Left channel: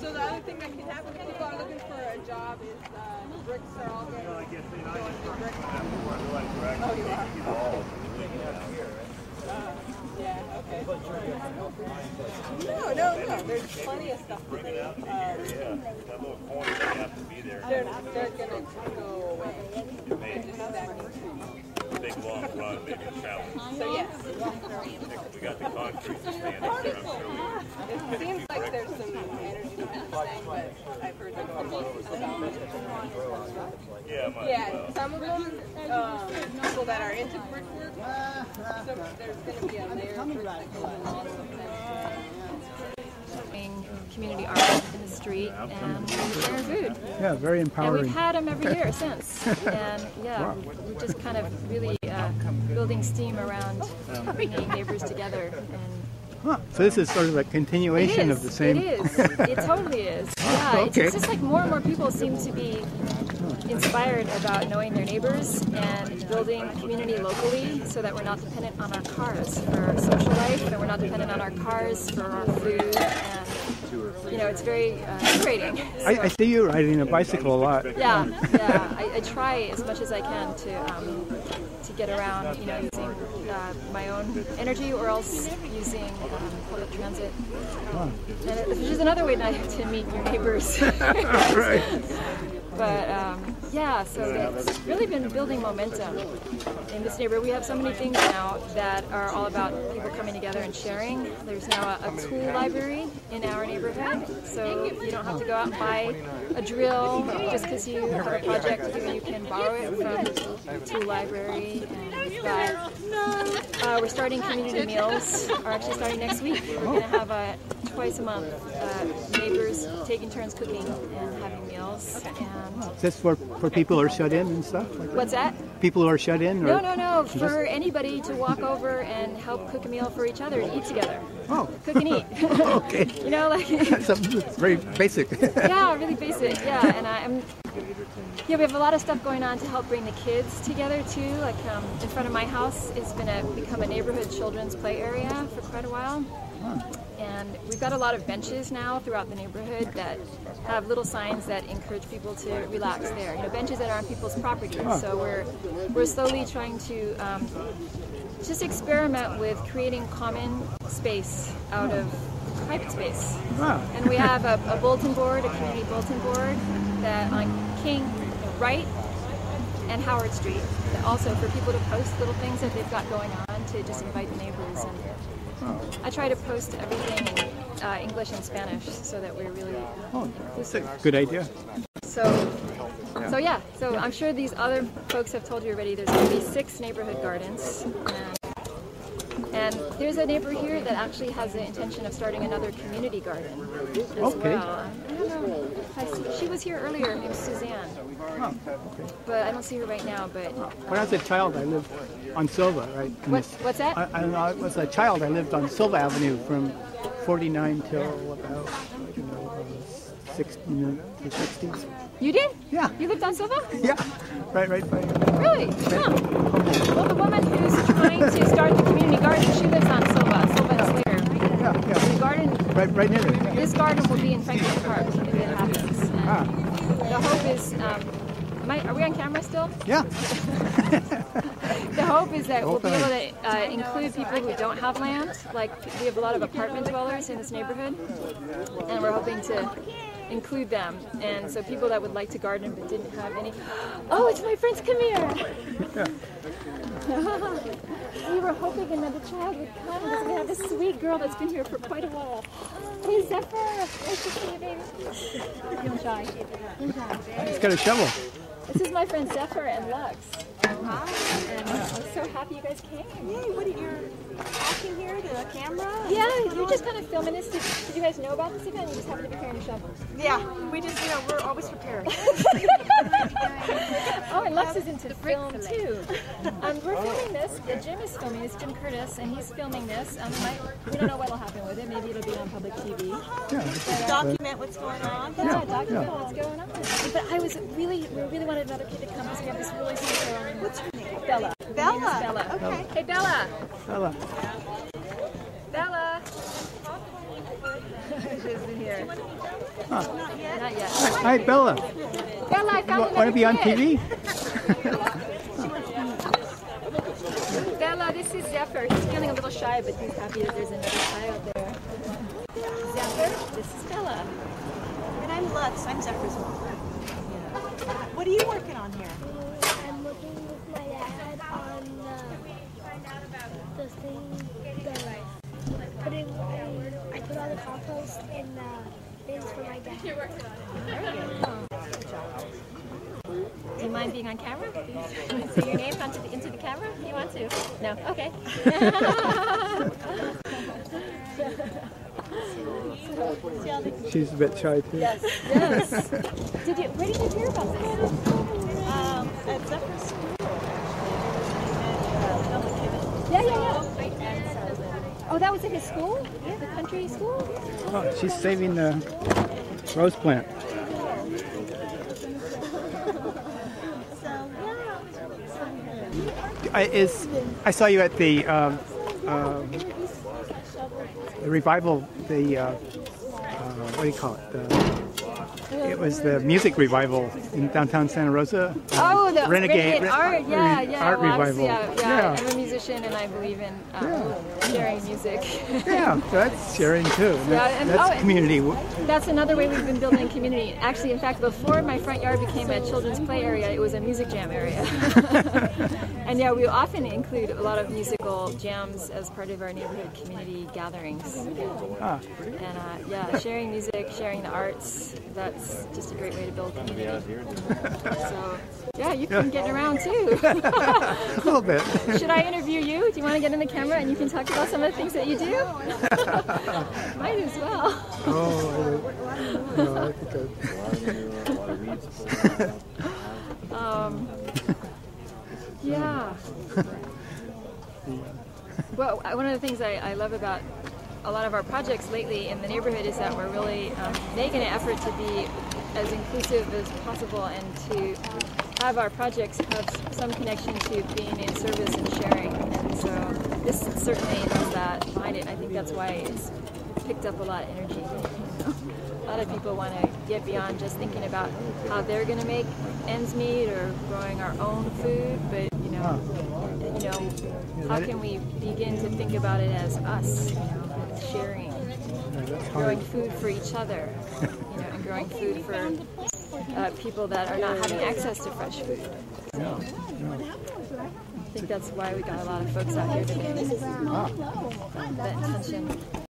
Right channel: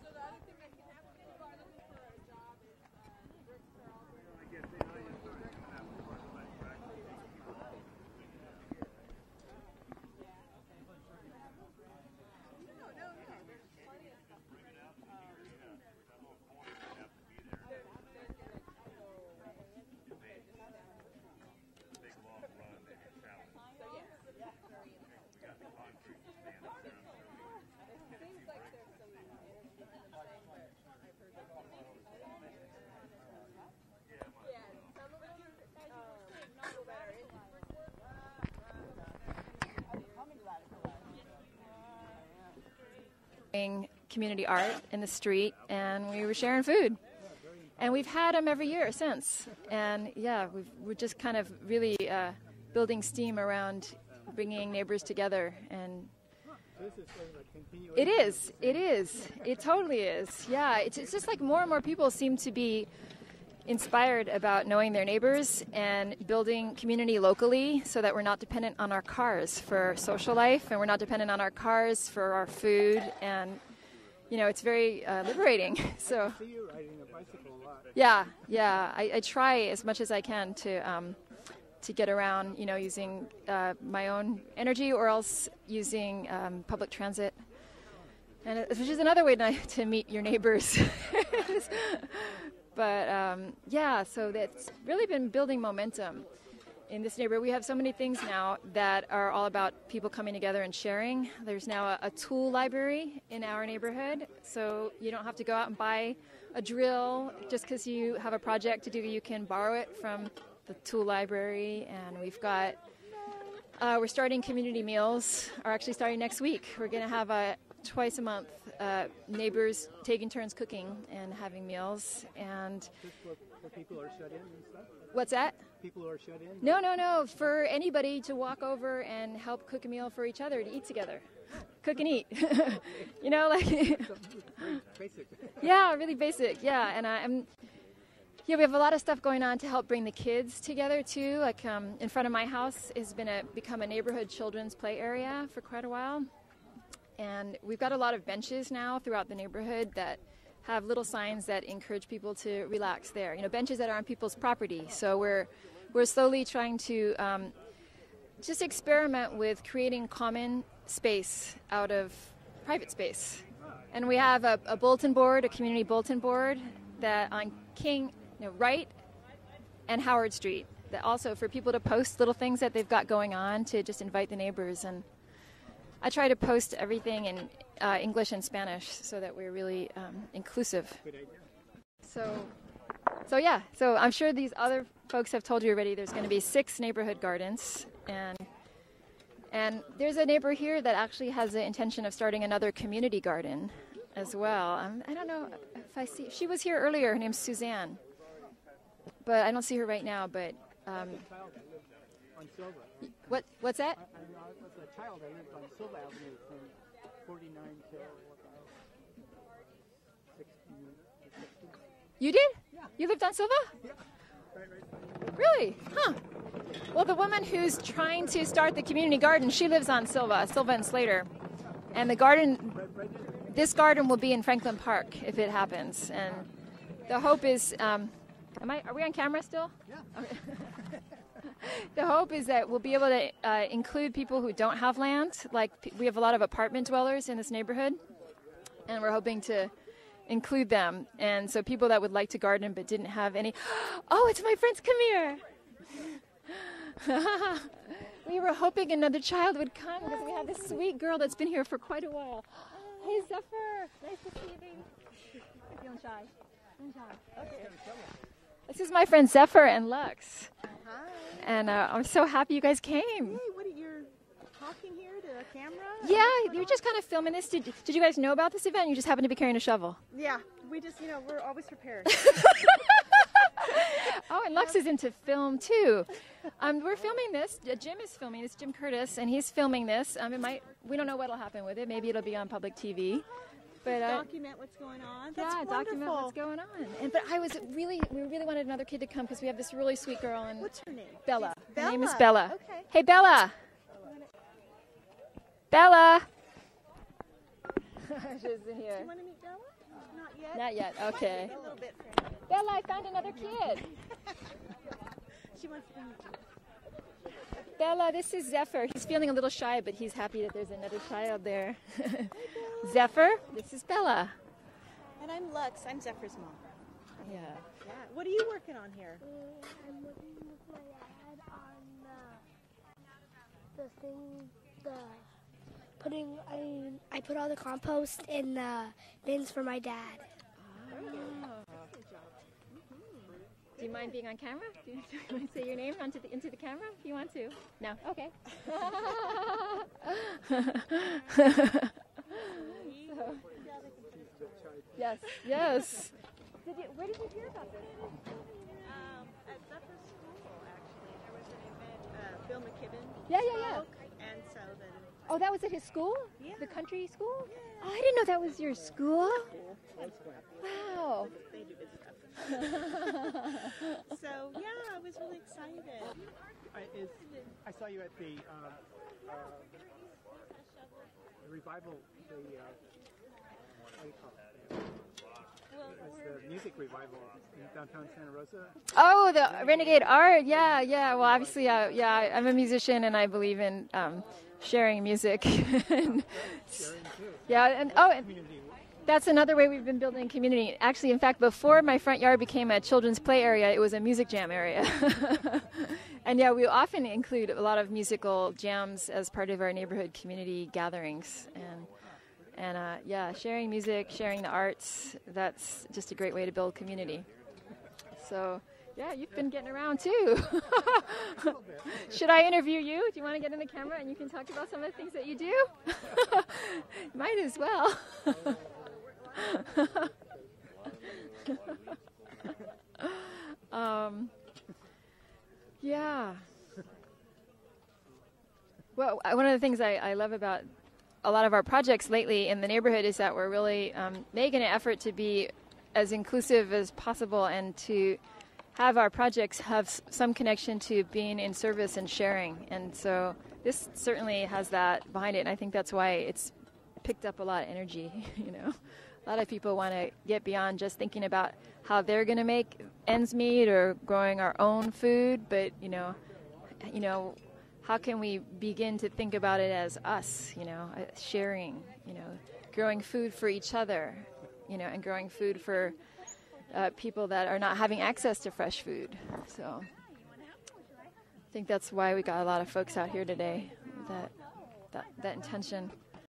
So the other thing that can happen if people are looking for a job is bricks are all going to bricks. Oh, you are? Yeah, okay. No. There's plenty of stuff. That little corner doesn't have to be there. They're going to go away. Big long run, maybe a challenge. So yes. We got the concrete to stand up there, I'm sure. It seems like there's some energy behind this thing, but I've heard them about it. Yeah, some of them, people that are into brickwork, so there's going to be a layer of brick that goes along with them. Community art in the street and sharing food. Yeah, very empowering. And we've had them every year since. And yeah, wow. We're just kind of really building steam around bringing neighbors together. And so this is sort of a continuation of the same. It is. It totally is. Yeah, okay. It's just like more and more people seem to be inspired about knowing their neighbors and building community locally so that we're not dependent on our cars for social life and we're not dependent on our cars for our food, and you know, it's very liberating. So, I see you riding a bicycle a lot. Yeah. I try as much as I can to get around, you know, using my own energy or else using public transit. And which is another way to meet your neighbors. Right. But yeah, so it's really been building momentum in this neighborhood. We have so many things now that are all about people coming together and sharing. There's now a tool library in our neighborhood, so you don't have to go out and buy a drill just because you have a project to do. You can borrow it from the tool library. And we've got, we're starting community meals, or actually starting next week. We're going to have twice a month neighbors taking turns cooking and having meals. And is this for people who are shut in and stuff? Like what's that? People who are shut in? Or no. For anybody to walk over and help cook a meal for each other and eat together. Oh. Cook and eat. Okay. You know, like. It's very basic. Yeah, really basic. Yeah, and we have a lot of stuff going on to help bring the kids together too. Like in front of my house is going to become a neighborhood children's play area for quite a while. And we've got a lot of benches now throughout the neighborhood that have little signs that encourage people to relax there. You know, benches that are on people's property. So we're slowly trying to just experiment with creating common space out of private space. And we have a bulletin board, a community bulletin board that on King, Wright, and Howard Street. That also for people to post little things that they've got going on to just invite the neighbors. And I try to post everything in English and Spanish so that we're really inclusive. Good idea. So I'm sure these other folks have told you already. There's going to be 6 neighborhood gardens, and there's a neighbor here that actually has the intention of starting another community garden as well. I don't know if I see. She was here earlier. Her name's Suzanne. But I don't see her right now. But when I was a child, I lived on Silva, right? What's that? I was a child. I lived on Silva Avenue from 49 till about 60s. You did? Yeah. You lived on Silva? Yeah. Right by. Really? Huh. Well, the woman who's trying to start the community garden, she lives on Silva and Slater. Yeah. And the garden, right near it. This garden will be in Franklin Park if it happens. And the hope is, are we on camera still? Yeah. The hope is that we'll be able to include people who don't have land. Like, we have a lot of apartment dwellers in this neighborhood, and we're hoping to include them. And so people that would like to garden but didn't have any. Oh, it's my friends, come here. We were hoping another child would come because we have this sweet girl that's been here for quite a while. Hey, Zephyr. Nice to see you, baby. Don't shy. He's got a shovel. This is my friend Zephyr and Lux. Hi. And I was so happy you guys came. Hey, what are you talking here to the camera? Yeah, you're just kind of filming this. Did you guys know about this event? You just happen to be carrying a shovel. Yeah, we just, we're always prepared. Oh, and Lux is into film too. We're filming this. Jim is filming this, Jim Curtis, and he's filming this. We don't know what'll happen with it. Maybe it'll be on public TV. Yeah. But, document what's going on. Yeah, document what's going on. But we really wanted another kid to come because we have this really sweet girl. What's her name? Bella. Bella. Her name is Bella. Okay. Hey, Bella. Bella. Bella. She's in here. here. Huh. Not yet. Hi, Bella. Bella, I found Want to be on TV? Bella, this is Zephyr. He's feeling a little shy, but he's happy that there's another child there. Zephyr, this is Bella. And I'm Lux. I'm Zephyr's mom. What are you working on here? I'm working with my dad on the thing, I put all the compost in the bins for my dad. Do you mind being on camera? Say your name into the camera? You want to? No? Okay. She's a bit shy too. Yes. Where did you hear about this? At Zephyr's school. Yeah. Oh, that was in his school? The country school? Oh, she's saving the rose plant. I saw you at the revival. What do you call it? It was the music revival in downtown Santa Rosa. Oh, the Renegade Art, Art well, revival. yeah, I'm a musician and I believe in sharing music. Yeah, that's sharing too. Yeah, That's community. That's another way we've been building community. Actually, in fact, before my front yard became a children's play area, it was a music jam area. And yeah, we often include a lot of musical jams as part of our neighborhood community gatherings. And yeah, sharing music, sharing the arts, that's just a great way to build community. So yeah, you can get around too. A little bit. Should I interview you? Do you want to get in the camera and you can talk about some of the things that you do? Might as well. Oh, no, I think yeah. Well, one of the things I love about a lot of our projects lately in the neighborhood is that we're really making an effort to be as inclusive as possible and to have our projects have some connection to being in service and sharing. And so this certainly has that behind it. I think that's why it's picked up a lot of energy. A lot of people want to get beyond just thinking about how they're going to make ends meet or growing our own food, but how can we begin to think about it as us, sharing, growing food for each other, and growing food for people that are not having access to fresh food. So, I think that's why we got a lot of folks out here today. That intention.